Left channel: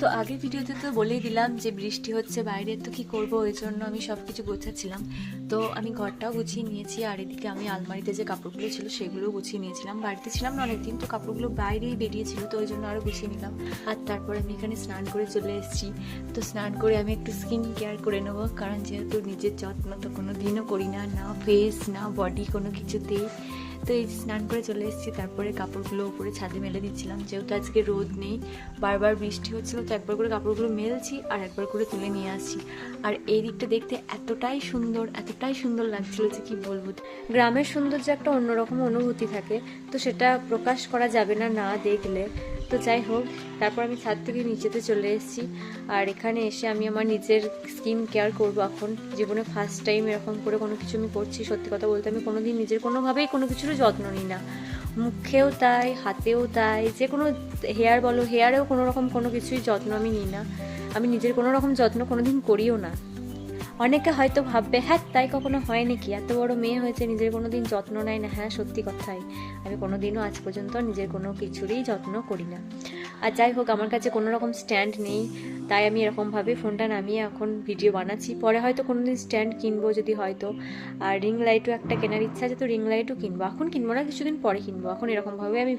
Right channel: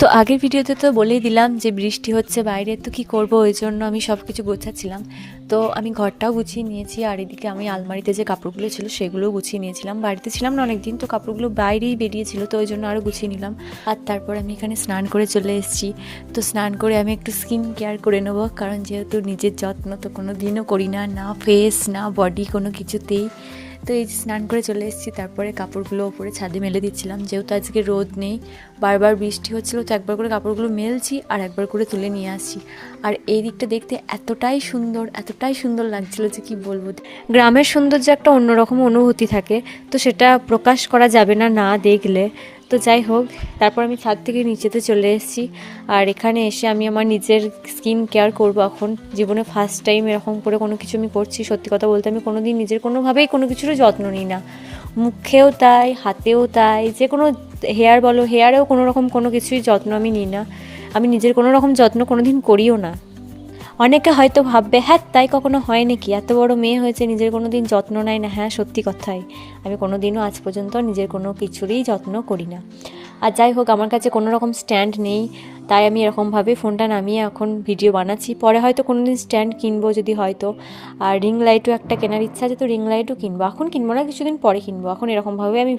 তো আগের ভিডিওতে তো বলেই দিলাম যে বৃষ্টি হচ্ছে বাইরে, তো কি করব, ওই জন্য আমি সব কিছু গোছাচ্ছিলাম। তো আমি ঘরটাও গুছিয়ে নিয়েছি, আর এদিকে আমি আলমারিতে যে কাপড়গুলো ছিল সেগুলোও গুছিয়ে নিয়েছিলাম। বাড়িতে ছিলাম না অনেকদিন, তো কাপড়গুলো বাইরেই বেরিয়েছিল, তো ওই জন্য আরও গুছিয়ে নিলাম। আর তারপর আমি এখানে স্নান করে চলে এসেছি। তো স্নান করে আমি একটু স্কিন কেয়ার করে নেবো, কারণ যেহেতু নিজের যত্ন তো কোনো দিনও করি না, না ফেস না বডি কোনো কিছুতেই। তো এই স্নান করে চলে এসেছি, তারপরে কাপড়গুলো ওপরে ছাদে মেলে দিচ্ছিলাম, যেহেতু আজকে রোদ নেই, বারবার বৃষ্টি হচ্ছিলো, তো একবার করে কাপড়গুলো মেলছি আর একবার করে তুলে নিয়ে আসছি। আর এই দিকটা দেখতে এতটাই সুন্দর লাগছিলো যে কি বলবো। গ্রামের সৌন্দর্য একটা অন্যরকম অনুভূতি থাকে, তো সেটা প্রকাশ করা যাবে না না দেখলে। তো যাই হোক, তারপর আমি ছাদ থেকে নিচেতে চলে এসেছি, আর এখানে এসে আমি আমার নিজের স্কিন কেয়ার করবো। এখন জীবনে ফার্স্ট টাইম এরকম করে কোনো কিছু আমি করছি। সত্যি কথা বলতে আমি কোনো দিন নিজের কোনোভাবেই কোনো কিছুরও যত্ন নিই না, মুখেও তাই, হাতেও তাই, যে কোনো হেয়ার বলো, হেয়ারেও কোনো রকম কোনো কিছুই যত্ন আমি নিই না। আমি নিজের কোনো রকম যত্ন কোনো দিন করিও না। অনেকে হয়তো ভাববে হ্যাঁ তাই কখনো হয় নাকি, এত বড় মেয়ে হয়েছে নিজের কোনো দিন যত্ন নেয় না। হ্যাঁ সত্যি কথাই, আমি কোনো দিনও আজ পর্যন্ত নিজের কোনো কিছুরই যত্ন করি না। আর যাই হোক, আমার কাছে কোনো রকম স্ট্যান্ড নেই, তাই আমি এরকমভাবে ফোনটা নামিয়ে এখন ভিডিও বানাচ্ছি। পরে হয়তো কোনো দিন স্ট্যান্ড কিনবো যদি হয়তো। আর রিং লাইটও একটা কেনার ইচ্ছা আছে, তো রিং লাইটও কিনবো। এখন কিনবো না, কিছুদিন পরে কিনবো। এখন এরকমভাবে আমি